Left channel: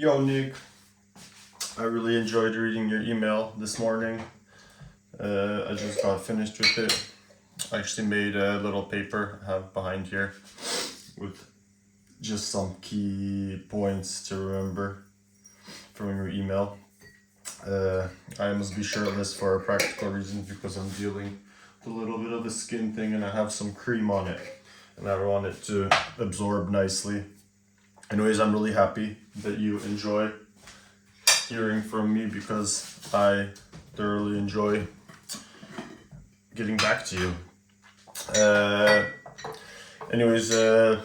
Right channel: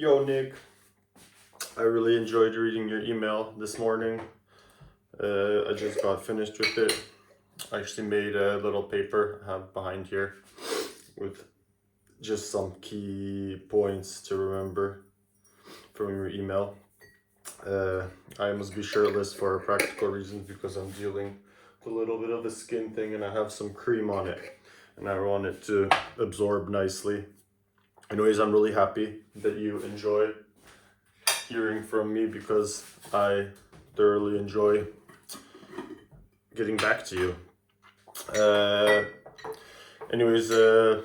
Yo, Nick. I really enjoyed reading your email this morning. I just got finished with it. I actually made a little paper I have behind here with just some key points to remember from your email. I must be shirtless for practical reasons because I'm dealing with a little bit of a skin thing and I have some cream on it and I want it to absorb nicely. Anyways, I'm really happy that you enjoy hearing from me because I thoroughly enjoy getting back to you. Anyways, you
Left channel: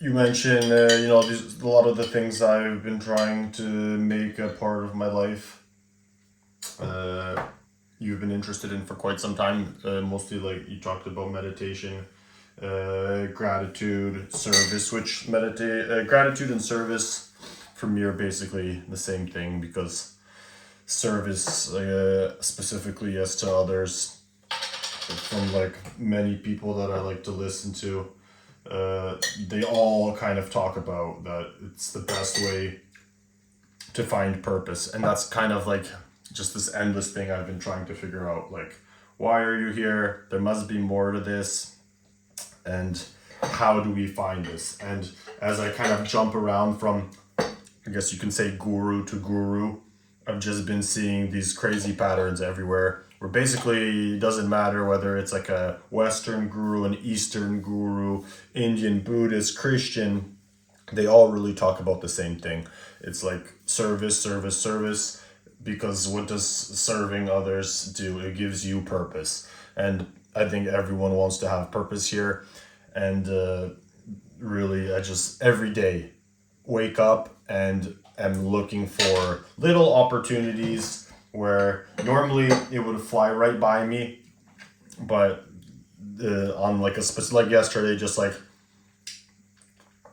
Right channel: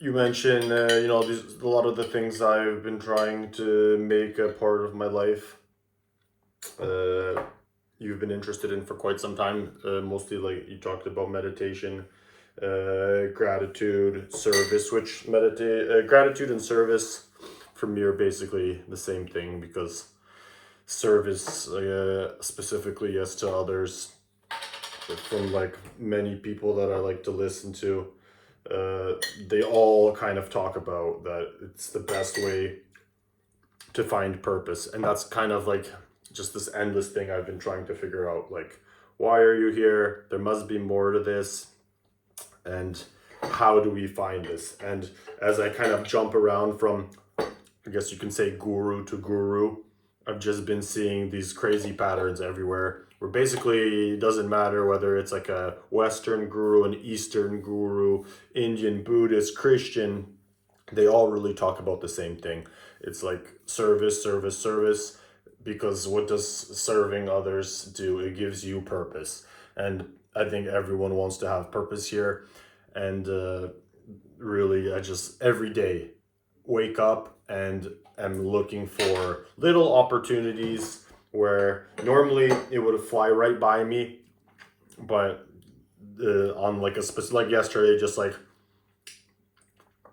mentioned, a lot of the things I've been trying to make a part of my life. You've been interested in for quite some time. Mostly, like you talked about meditation, gratitude, service. Which gratitude and service for me are basically the same thing because service, specifically as to others, from like many people that I like to listen to, they all kind of talk about that it's the best way to find purpose, and that's kind of like just this endless thing I've been trying to figure out. Like, why are you here? There must be more to this, and how do we find this? And as I kind of jump around from, I guess you can say, guru to guru, I've just been seeing these crazy patterns everywhere where basically it doesn't matter whether it's like a Western guru, an Eastern guru, Indian, Buddhist, Christian, they all really talk about the same thing. It's like service, service, service, because what does serving others do? It gives you purpose. And I think everyone wants to have purpose here. And really, I just every day wake up and am looking for little opportunities where normally it would fly right by me, but on like a specific, like yesterday, just like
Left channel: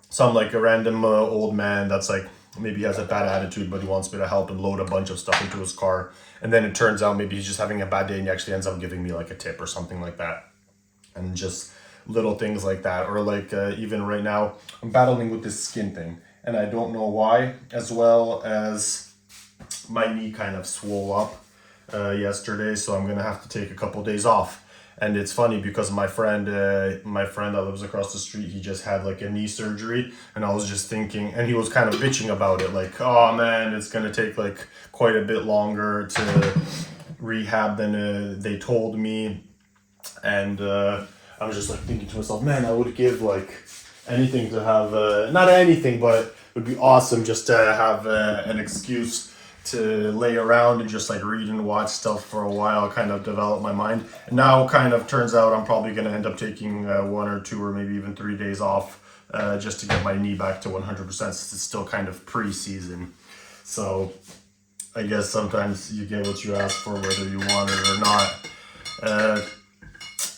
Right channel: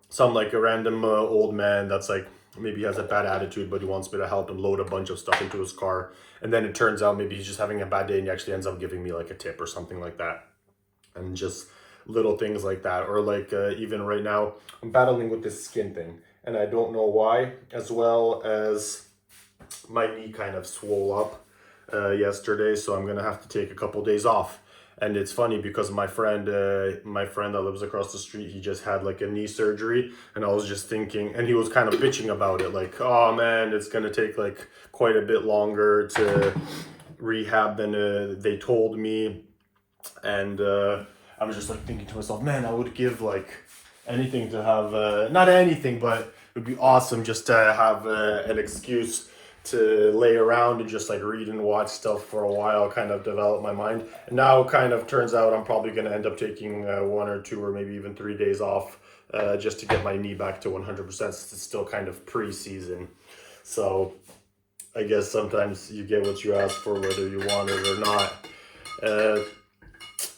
some like a random old man that's like maybe he has a bad attitude but he wants me to help and load a bunch of stuff into his car, and then it turns out maybe he's just having a bad day and he actually ends up giving me like a tip or something like that. And just little things like that. Or like even right now I'm battling with this skin thing and I don't know why, as well as my knee kind of swole up yesterday, so I'm gonna have to take a couple days off. And it's funny because my friend that lives across the street, he just had like a knee surgery, and I was just thinking, and he was kind of bitching about it, like, oh man, it's gonna take like quite a bit longer to rehab than they told me. And I was just like thinking to myself, man, I would give like anything to have, not anything, but it would be awesome just to have an excuse to lay around and just like read and watch stuff for a while, kind of develop my mind. And now kind of turns out I'm probably going to end up taking 1 or 2 or maybe even 3 days off just to get my knee back to 100%. It's still kind of pre-season. So I guess sometimes you get what you ask for, whether you want it or not.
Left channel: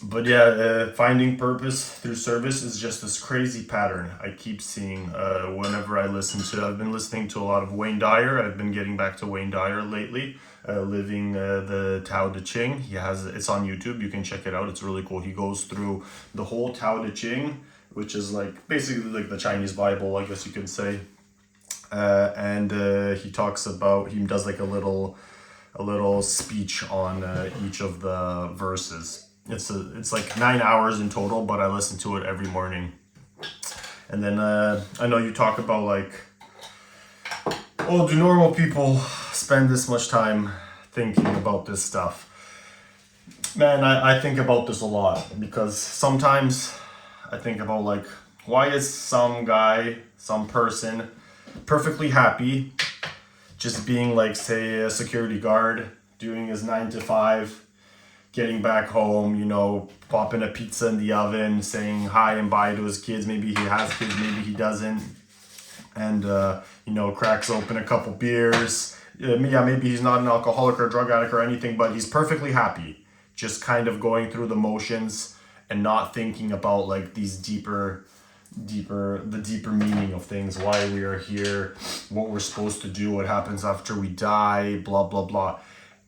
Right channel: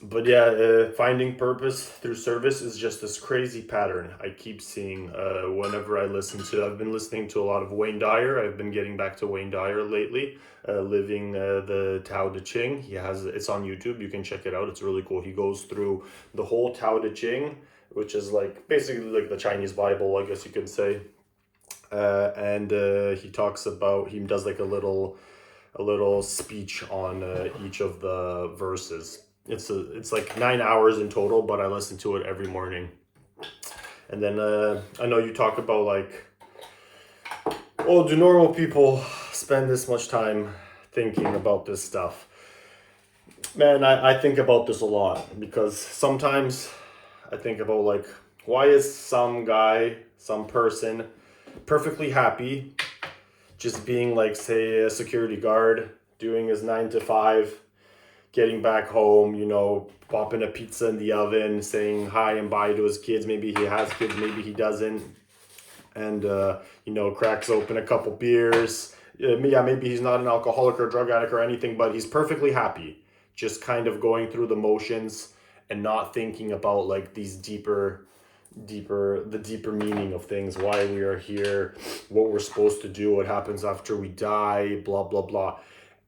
But yeah, finding purpose through service is just this crazy pattern I keep seeing whenever I listen to. I've been listening to a lot of Wayne Dyer. I've been getting back to Wayne Dyer lately, living the Tao Te Ching. It's on YouTube. You can check it out. It's really cool. He goes through the whole Tao Te Ching, which is like basically like the Chinese Bible, I guess you could say. And he does like a little speech on each of the verses. It's like 9 hours in total, but I listen to it every morning. And then I know you talk about like, well, do normal people spend this much time thinking about this stuff? Man, I think about this a lot because sometimes I think about like, why is some guy, some person perfectly happy just being like, say, a security guard, doing his 9 to 5, getting back home, popping a pizza in the oven, saying hi and bye to his kids. Maybe he has kids, maybe he doesn't. And, cracks open a couple beers. Maybe he's not an alcoholic or drug addict or anything, but he's perfectly happy. Just kind of going through the motions and not thinking about like these deeper meaning of things, why we are here, what we're supposed to do, what happens after we die, blah, blah, blah.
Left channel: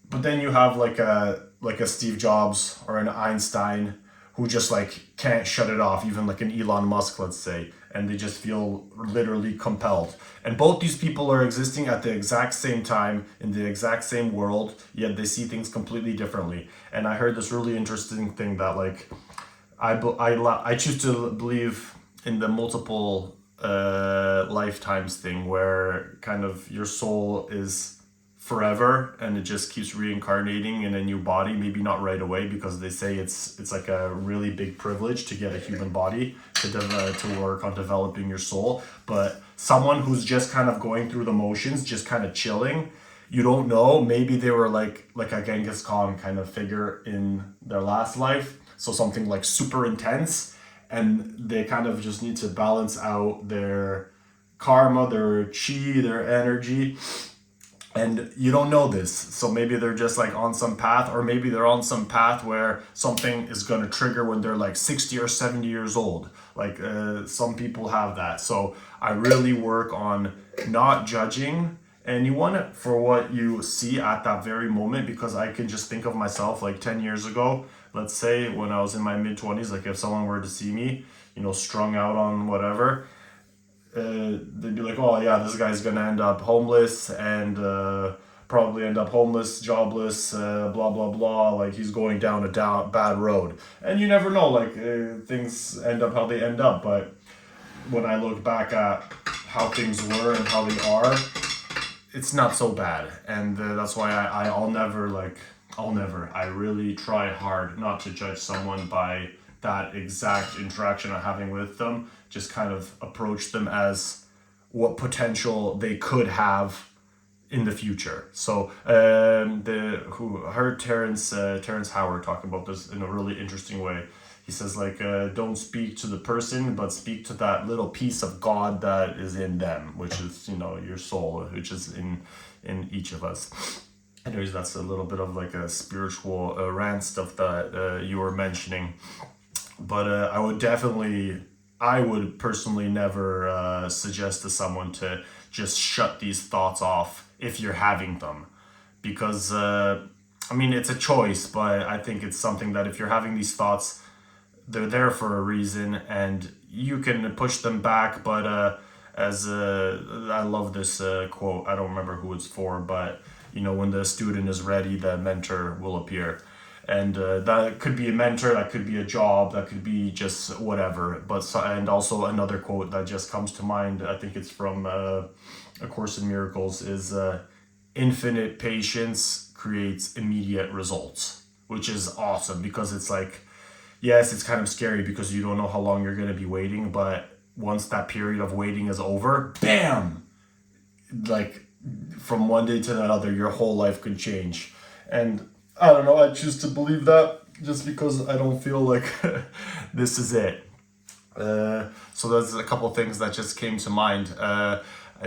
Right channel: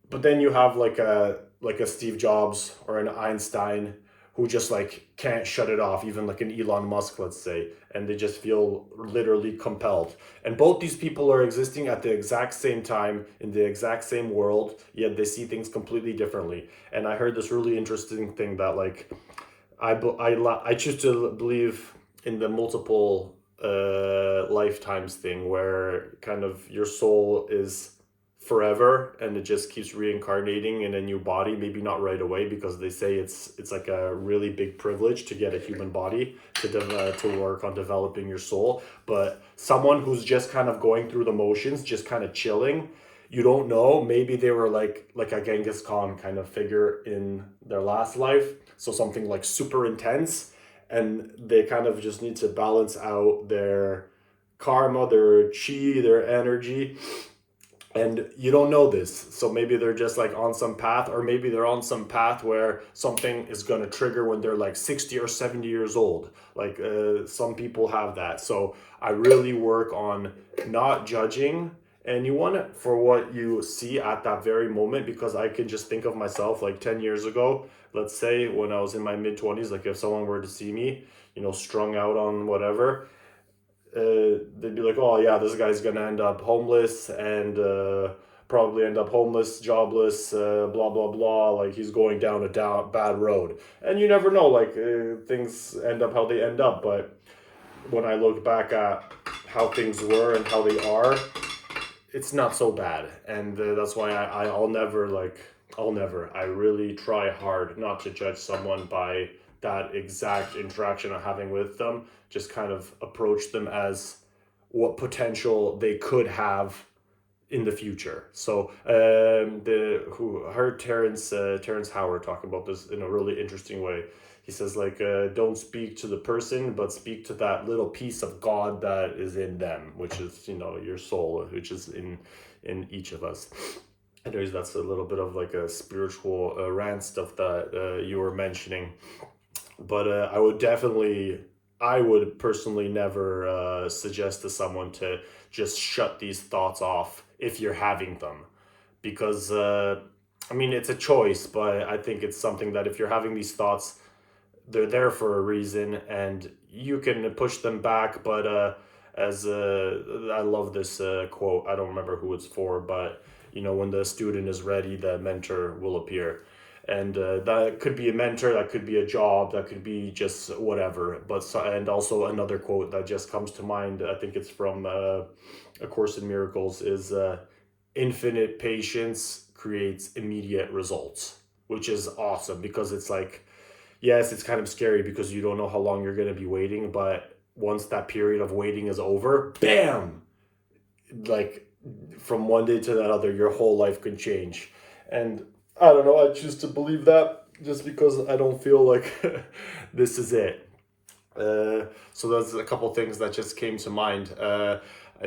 But then you have like a Steve Jobs or an Einstein who just like can't shut it off, even like an Elon Musk, let's say, and they just feel literally compelled. And both these people are existing at the exact same time in the exact same world, yet they see things completely differently. And I heard this really interesting thing that like I choose to believe in the multiple lifetimes thing, where kind of your soul is forever and it just keeps reincarnating in a new body, maybe not right away, because they say it's like a really big privilege to get a human body to work on developing your soul. But someone who's just kind of going through the motions, just kind of chilling, you don't know, maybe they were like a Genghis Khan kind of figure in their last life, so something like super intense, and they kind of just need to balance out their karma, their chi, their energy. And you don't know this, so maybe they're just like on some path, or maybe they're on some path where something is going to trigger when they're like 60 or 70 years old. Like some people have that. So I really work on not judging anyone for what you see at that very moment, because I can just think of myself like 10 years ago, let's say, when I was in my mid-20s. Like if someone were to see me, strung out on whatever, they'd be like, oh yeah, this guy's gonna end up homeless, and probably end up homeless, jobless, blah blah blah, like he's going down a bad road. And you never know, like things end up how they end up. But when I look back at how things were and how they are, it's not so bad. And that's why I'll never, I really try hard not to judge someone by that exact interaction I'm having with them. Just kind of approach them as what potential they could have in the future. So Terrence Howard talking about this in a really interesting way. He says like, don't speak to the person, but speak to that little piece of God that is in them, which is your soul, which is in each of us. Anyways, that's a little bit of like a spiritual rant stuff that you were mentioning. But I would personally never suggest to someone to just shut these thoughts off if you're having them. Because, it's a choice, but I think it's something that if you're having these thoughts, they're there for a reason, and you can push them back. But I love this quote, I don't remember who it's for, but when the student is ready, the mentor will appear. And that could be a mentor, that could be a job, that could be just whatever. And also another quote that just comes to mind, I think it's from A Course in Miracles, is infinite patience creates immediate results, which is awesome, because it's like, yes, it's kind of scary because you don't know how long you're going to be waiting, but once that period of waiting is over, bam, like from one day to the other, your whole life could change. And I don't know, I choose to believe that just because I don't feel like this is it. So there's a couple things that just came to mind.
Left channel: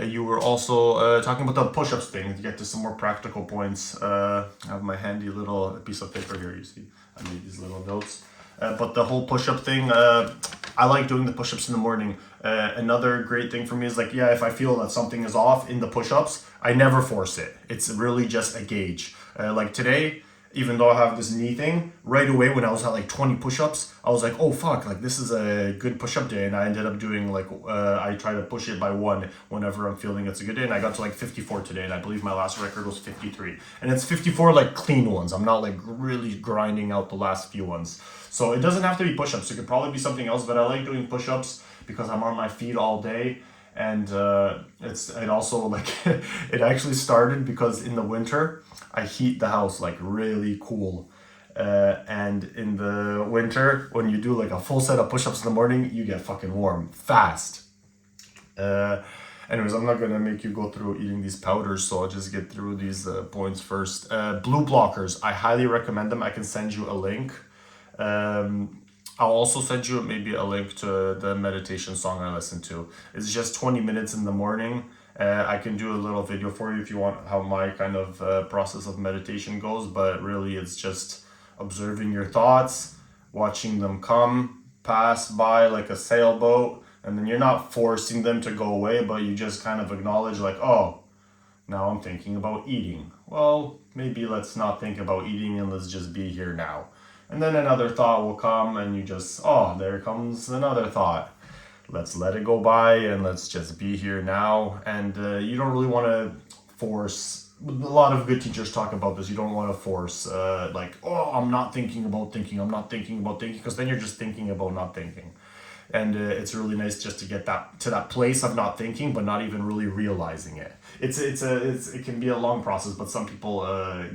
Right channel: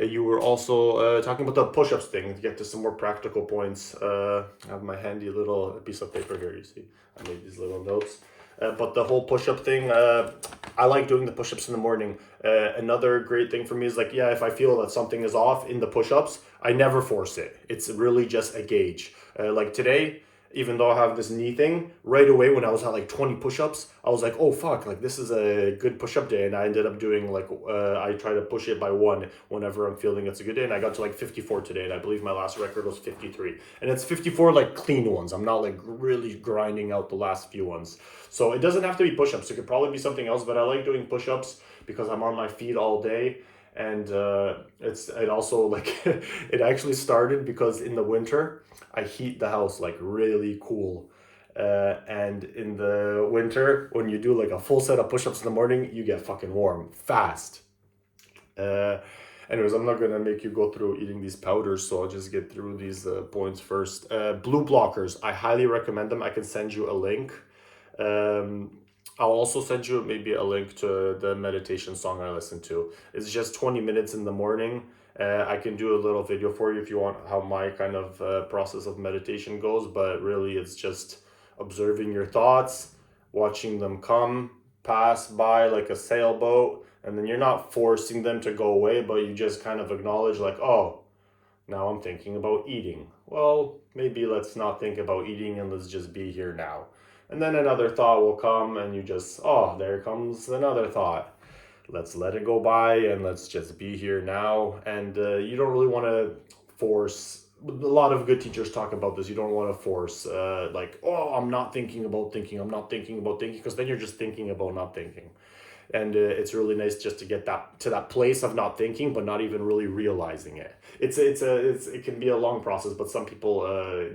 You were also talking about the push-ups thing, to get to some more practical points. I have my handy little piece of paper here, you see. I made these little notes. But the whole push-up thing, I like doing the push-ups in the morning. Another great thing for me is like, yeah, if I feel that something is off in the push-ups, I never force it. It's really just a gauge. Like today, even though I have this knee thing, right away when I was at like 20 push-ups, I was like, oh fuck, like this is a good push-up day. And I ended up doing like, I try to push it by one whenever I'm feeling it's a good day. And I got to like 54 today. And I believe my last record was 53. And it's 54 like clean ones. I'm not like really grinding out the last few ones. So it doesn't have to be push-ups. It could probably be something else, but I like doing push-ups because I'm on my feet all day. And it also like, it actually started because in the winter, I heat the house like really cool. And in the winter, when you do like a full set of push-ups in the morning, you get fucking warm fast. Anyways, I'm not gonna make you go through eating these powders, so I'll just get through these points first. Blue blockers, I highly recommend them. I can send you a link. I'll also send you maybe a link to the meditation song I listen to. It's just 20 minutes in the morning. I can do a little video for you if you want how my kind of process of meditation goes, but really it's just observing your thoughts, watching them come, pass by like a sailboat, and then you're not forcing them to go away, but you just kind of acknowledge like, oh, now I'm thinking about eating. Well, maybe let's not think about eating and let's just be here now. And then another thought will come and you just, oh, there comes another thought. Let's let it go by and let's just be here now. And you don't really want to force. A lot of good teachers talk about this. You don't want to force, like, oh, I'm not thinking about thinking. I'm not thinking about thinking, because then you're just thinking about not thinking. And it's really nice just to get that to that place of not thinking, but not even really realizing it. It can be a long process, but some people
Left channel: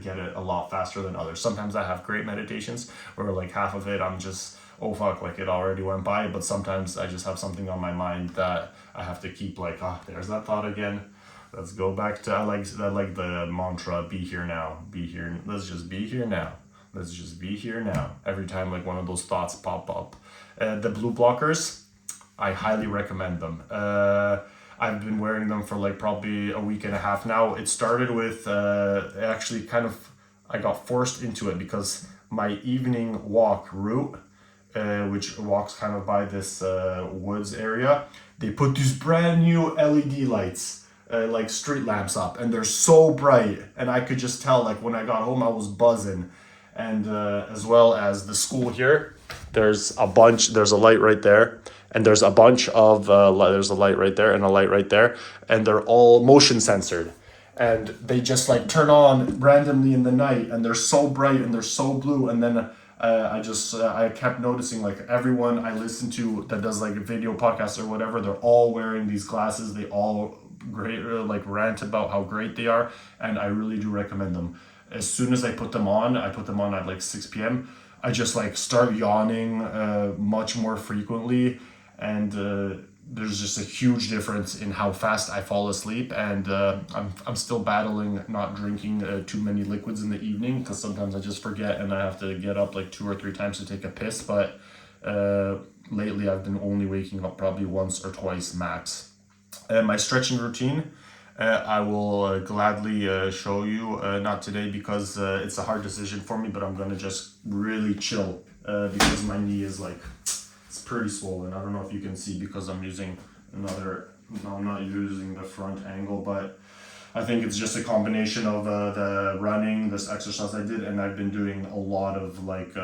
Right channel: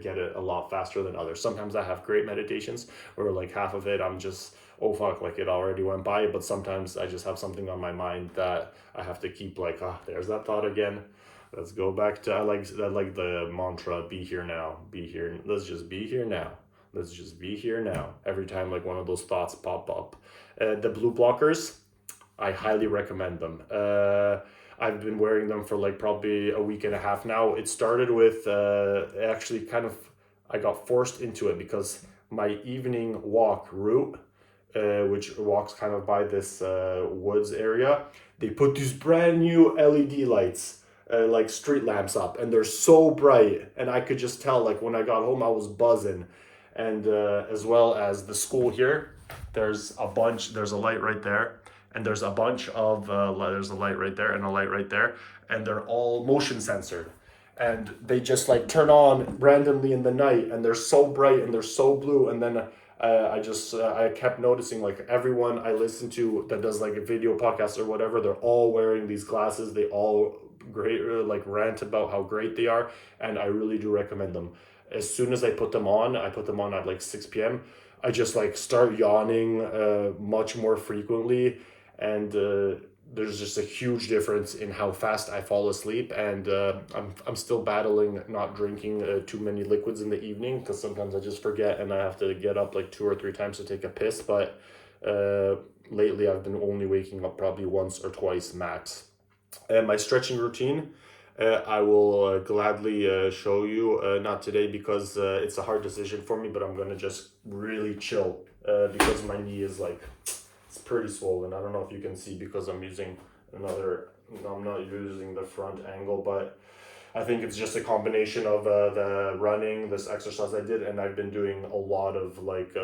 get it a lot faster than others. Sometimes I have great meditations where like half of it I'm just, oh fuck, like it already went by. But sometimes I just have something on my mind that I have to keep, like, ah, there's that thought again. Let's go back to, I like the mantra, be here now, be here. Let's just be here now. Let's just be here now. Every time like one of those thoughts pop up. The blue blockers, I highly recommend them. I've been wearing them for like probably a week and a half now. It started with actually kind of, I got forced into it because my evening walk route, which walks kind of by this woods area, they put these brand new LED lights, like street lamps up, and they're so bright. And I could just tell, like when I got home, I was buzzing. And as well as the school here, there's a light right there, and there's a bunch of there's a light right there and a light right there, and they're all motion censored, and they just like turn on randomly in the night, and they're so bright and they're so blue. And then I kept noticing, like, everyone I listen to that does like a video podcast or whatever, they're all wearing these glasses. They all great like rant about how great they are, and I really do recommend them. As soon as I put them on at like 6 p.m. I just like start yawning much more frequently, and there's just a huge difference in how fast I fall asleep. And I'm still battling not drinking too many liquids in the evening, because sometimes I just forget and I have to get up like 2 or 3 times to take a piss. But lately I've been only waking up probably once or twice max. My stretching routine, I will gladly show you, not today because it's a hard decision for me, but I'm going to just really chill because my knee is like, it's pretty swollen. I don't know if you can see because I'm not using the front angle, but I think it's just a combination of the running, this exercise I did, and I've been doing a lot of like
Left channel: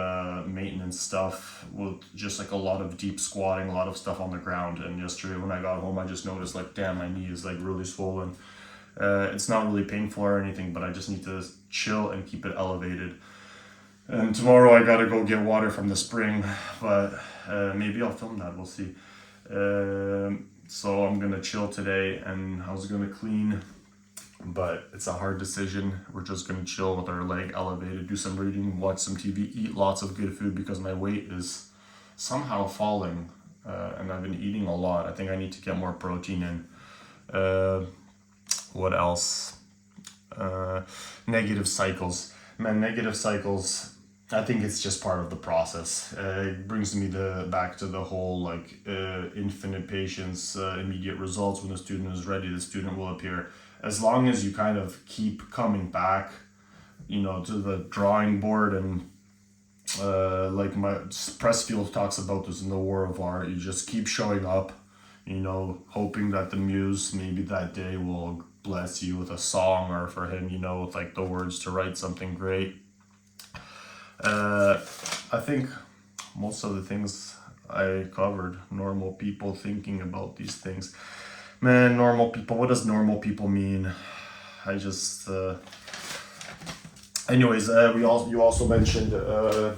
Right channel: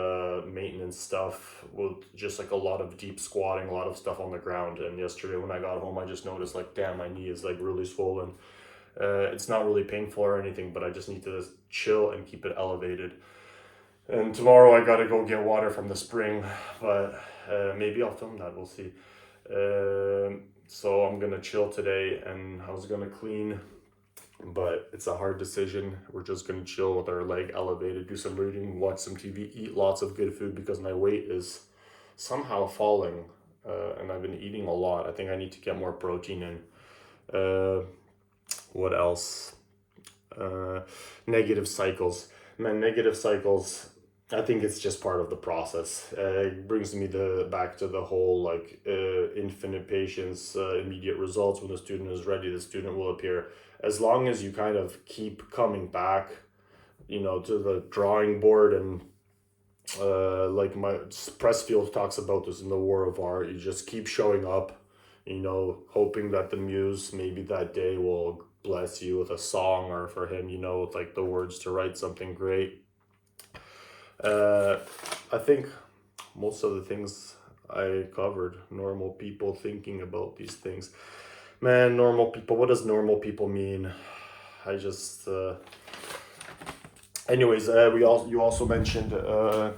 maintenance stuff with just like a lot of deep squatting, a lot of stuff on the ground. And yesterday when I got home, I just noticed, like, damn, my knee is like really swollen. It's not really painful or anything, but I just need to chill and keep it elevated. And tomorrow I gotta go get water from the spring, but maybe I'll film that, we'll see. So I'm gonna chill today, and I was gonna clean, but it's a hard decision. We're just gonna chill with our leg elevated, do some reading, watch some TV, eat lots of good food because my weight is somehow falling, and I've been eating a lot. I think I need to get more protein in. What else? Negative cycles. Man, negative cycles, I think it's just part of the process. It brings me back to the whole like infinite patience, immediate results. When the student is ready, the student will appear. As long as you kind of keep coming back, to the drawing board, and like my Pressfield talks about this in The War of Art, you just keep showing up, hoping that the muse maybe that day will bless you with a song, or for him, with like the words to write something great. I think most of the things I covered. Normal people thinking about these things. Man, normal people. What does normal people mean? I just. Anyways, you also mentioned. Oh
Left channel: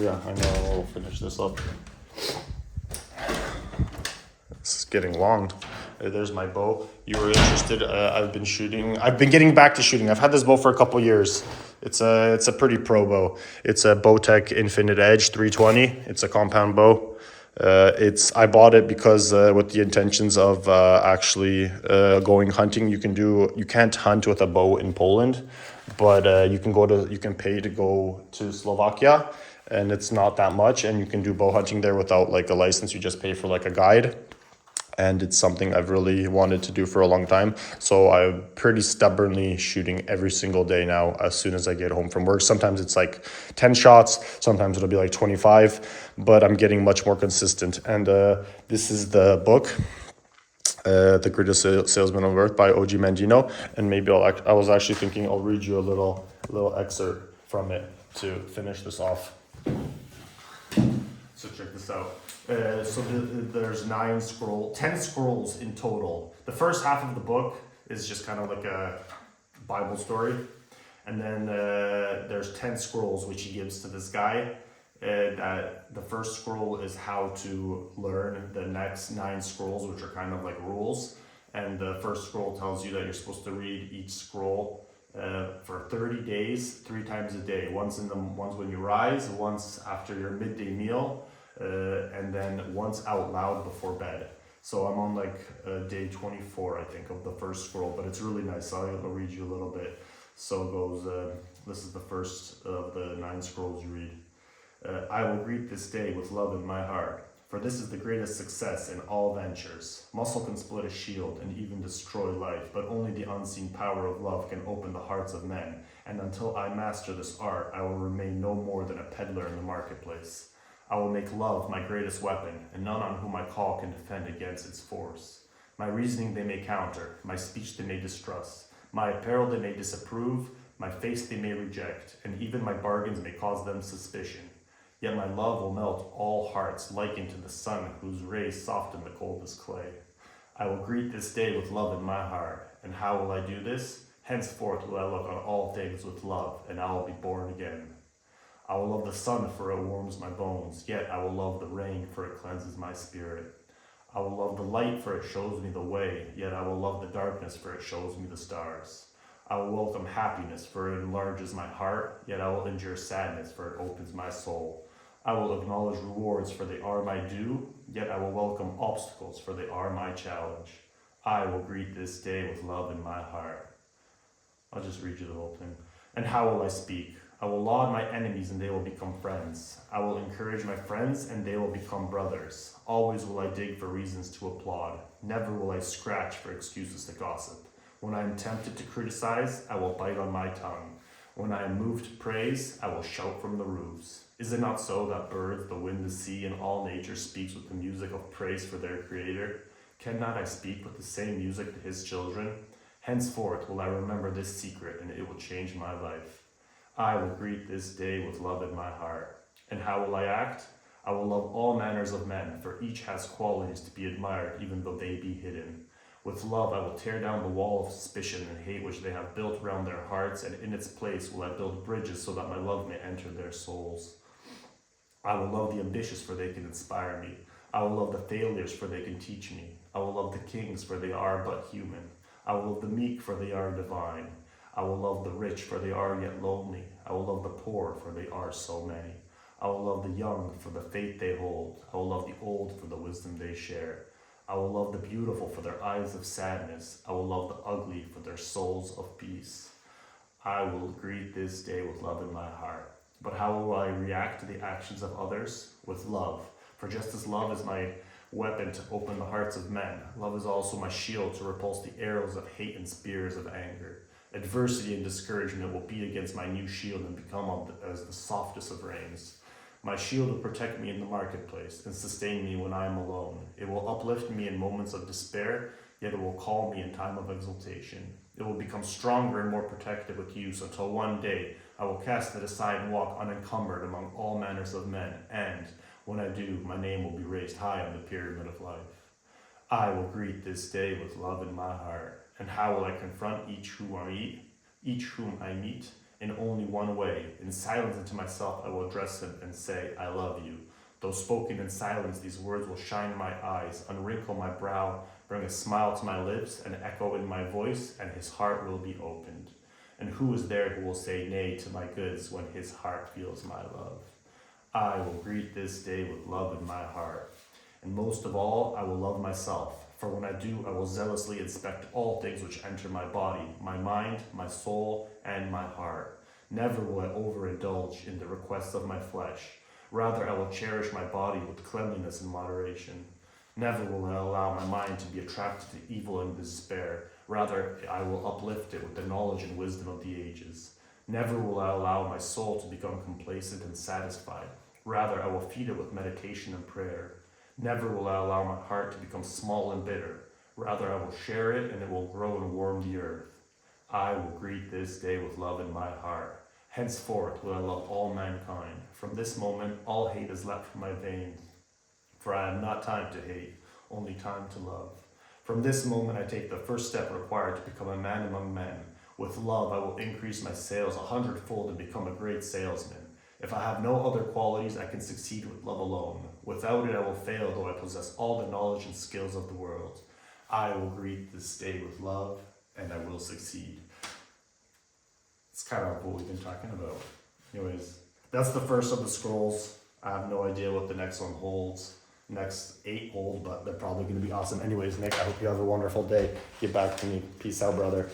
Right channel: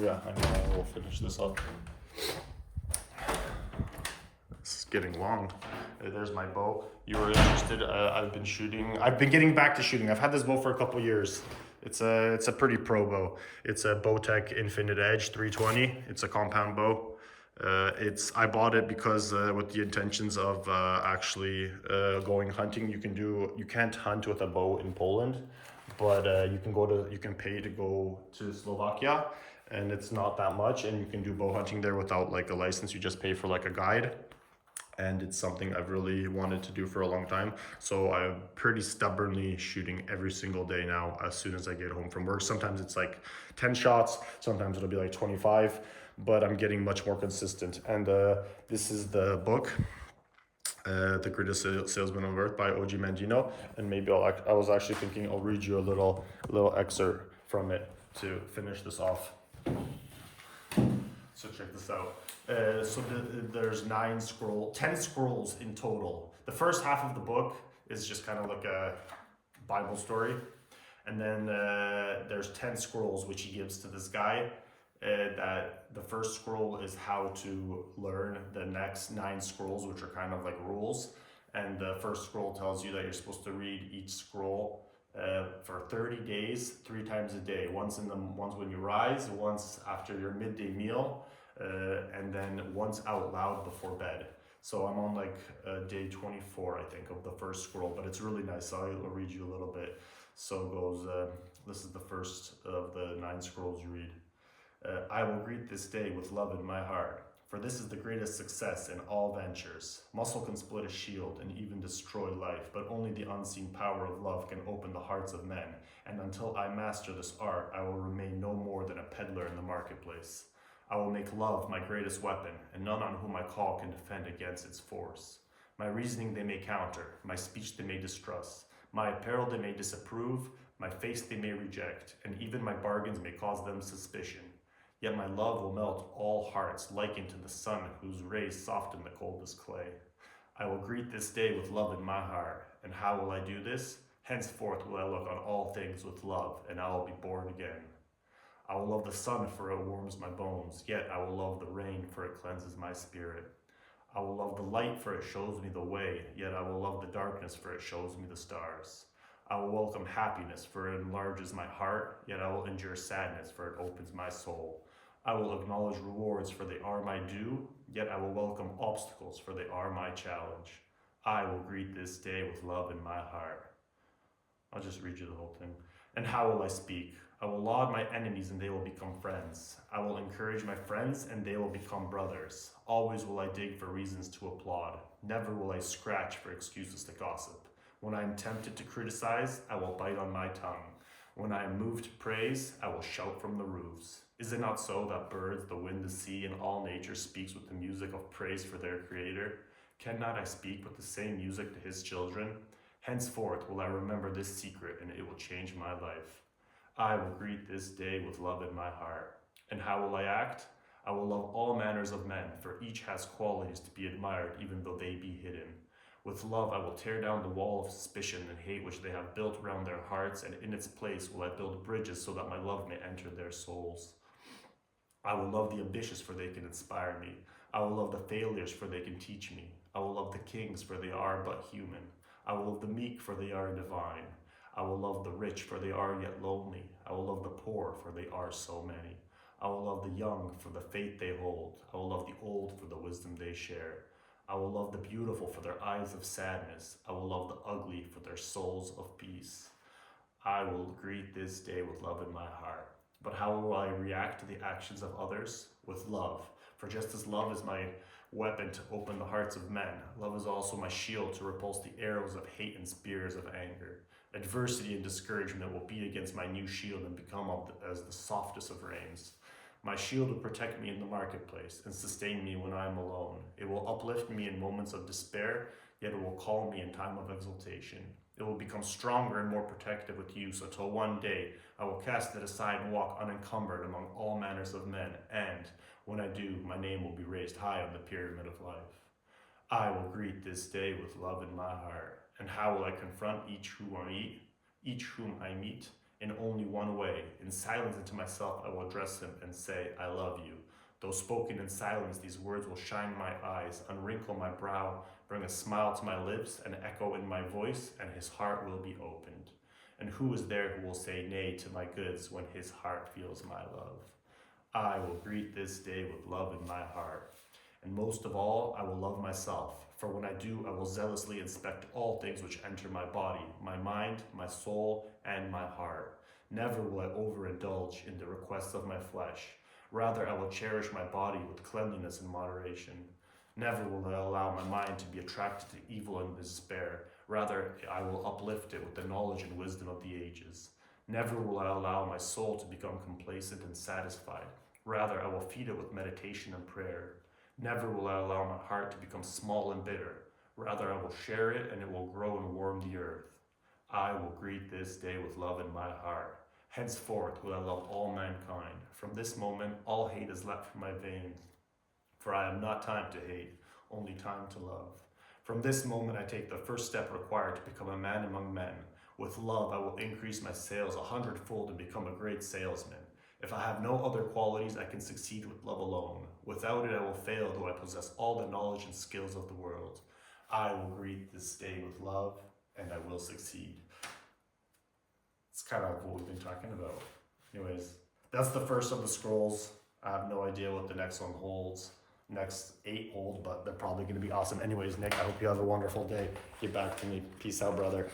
yeah, I know. We'll finish this up. It's getting long. There's my bow. You were interested. I've been getting back to shooting. I've had this bow for a couple years. It's a pretty pro bow. It's a Bowtech Infinite Edge 320. It's a compound bow. I bought it because with the intentions of actually going hunting. You can't hunt with a bow in Poland, but you can pay to go to Slovakia, and it's not that much, and you can do bow hunting there without like a license. You just pay for like a guide. And it's something I've really wanted to do for a long time. So I'm pretty stubbornly shooting every single day now as soon as I get home from work. Sometimes it's like 10 shots, sometimes it'll be like 25, but I'm getting much more consistent. And this is the book, The Greatest Salesman on Earth by O.G. Mandino. And maybe I was actually thinking I'll read you a little excerpt from it to finish this off. So check this out. There's 10 scrolls in total. The first half of the book is just kind of like a Bible story. And then there's 10 scrolls which he gives to this guy. And the first scroll is how to learn the next 9 scrolls, which are kind of like rules. And the first scroll tells you that you're supposed to read each scroll for 30 days, 3 times a day. Once when you rise, once after your midday meal, and then once out loud before bed. So I'm on like day 24, I think, of the first scroll, but it's really nice. So I'll read you a little bit. So it goes, this is the first of the 9 scrolls you read. I will greet this day with love in my heart, for this is the greatest success in all ventures. Muscle can split a shield and even destroy life, but only the unseen power of love can open the hearts of men, and until I master this art, I will remain no more than a peddler in the marketplace. I will make love my greatest weapon, and none on whom I call can defend against its force. My reasoning they may counter, my speech they may distrust, my apparel they may disapprove, my face they may reject, and even my bargains may cause them suspicion. Yet my love will melt all hearts, likened to the sun whose rays soften the coldest clay. I will greet this day with love in my heart, and how will I do this? Henceforth will I look on all things with love, and I will be born again. I will love the sun, for it warms my bones, yet I will love the rain, for it cleanses my spirit. I will love the light, for it shows me the way, yet I will love the darkness, for it shows me the stars. I will welcome happiness, for it enlarges my heart, yet I will endure sadness, for it opens my soul. I will acknowledge rewards, for they are my due, yet I will welcome obstacles, for they are my challenge. I will greet this day with love in my heart. I'll just read you the whole thing. And how will I speak? I will laud my enemies, and they will become friends. I will encourage my friends, and they will become brothers. Always will I dig for reasons to applaud. Never will I scratch for excuses to gossip. When I am tempted to criticize, I will bite on my tongue. When I am moved to praise, I will shout from the roofs. Is it not so that birds, the wind, the sea, and all nature speaks with the music of praise for their Creator? Cannot I speak with the same music to His children? Henceforth will I remember this secret, and it will change my life. I will greet this day with love in my heart. And how will I act? I will love all manners of men, for each has qualities to be admired, even though they be hidden. With love I will tear down the wall of suspicion and hate which they have built round their hearts, and in its place will I build bridges so that my love may enter their souls. I will love the ambitious, for they can inspire me. I will love the failures, for they can teach me. I will love the kings, for they are but human. I will love the meek, for they are divine. I will love the rich, for they are yet lonely. I will love the poor, for they are so many. I will love the young for the faith they hold. I will love the old for the wisdom they share. I will love the beautiful for their eyes of sadness. I will love the ugly for their souls of peace. I will greet this day with love in my heart. But how will I react to the actions of others? With love. For just as love is my weapon to open the hearts of men, love is also my shield to repulse the arrows of hate and spears of anger. Adversity and discouragement will beat against my new shield and become as the softest of rains. My shield will protect me in the marketplace and sustain me when I am alone. It will uplift me in moments of despair, yet it will calm me in time of exultation. It will become stronger and more protective with use until one day I will cast it aside and walk unencumbered among all manners of men, and when I do, my name will be raised high on the pyramid of life. I will greet this day with love in my heart. And how will I confront each whom I meet? In only one way. In silence and to myself I will address him and say, I love you. Though spoken in silence, these words will shine in my eyes, unwrinkle my brow, bring a smile to my lips, and echo in my voice, and his heart will be opened. And who is there who will say nay to my goods when his heart feels my love? I will greet this day with love in my heart. And most of all, I will love myself. For when I do, I will zealously inspect all things which enter my body, my mind, my soul, and my heart. Never will I overindulge in the requests of my flesh. Rather, I will cherish my body with cleanliness and moderation. Never will I allow my mind to be attracted to evil and despair. Rather, I will uplift it with the knowledge and wisdom of the ages. Never will I allow my soul to become complacent and satisfied. Rather, I will feed it with meditation and prayer. Never will I allow my heart to become small and bitter. Rather, I will share it, and it will grow and warm the earth. I will greet this day with love in my heart. Henceforth will I love all mankind. From this moment, all hate is left from my veins. For I have not time to hate, only time to love. From this moment, I take the first step required to become a man among men. With love, I will increase my sales 100-fold and become a great salesman. If I have no other qualities, I can succeed with love alone. Without it, I will fail, though I possess all the knowledge and skills of the world. I will greet this day with love, and I will succeed. It's kind of what we've been talking about. Anyways, that's the first of the scrolls. I have no idea what the next one holds. Next 8 hold, but they're probably going to be awesome. Anyways, Nick, I hope you have a wonderful day. Get back to me. Peace out, brother.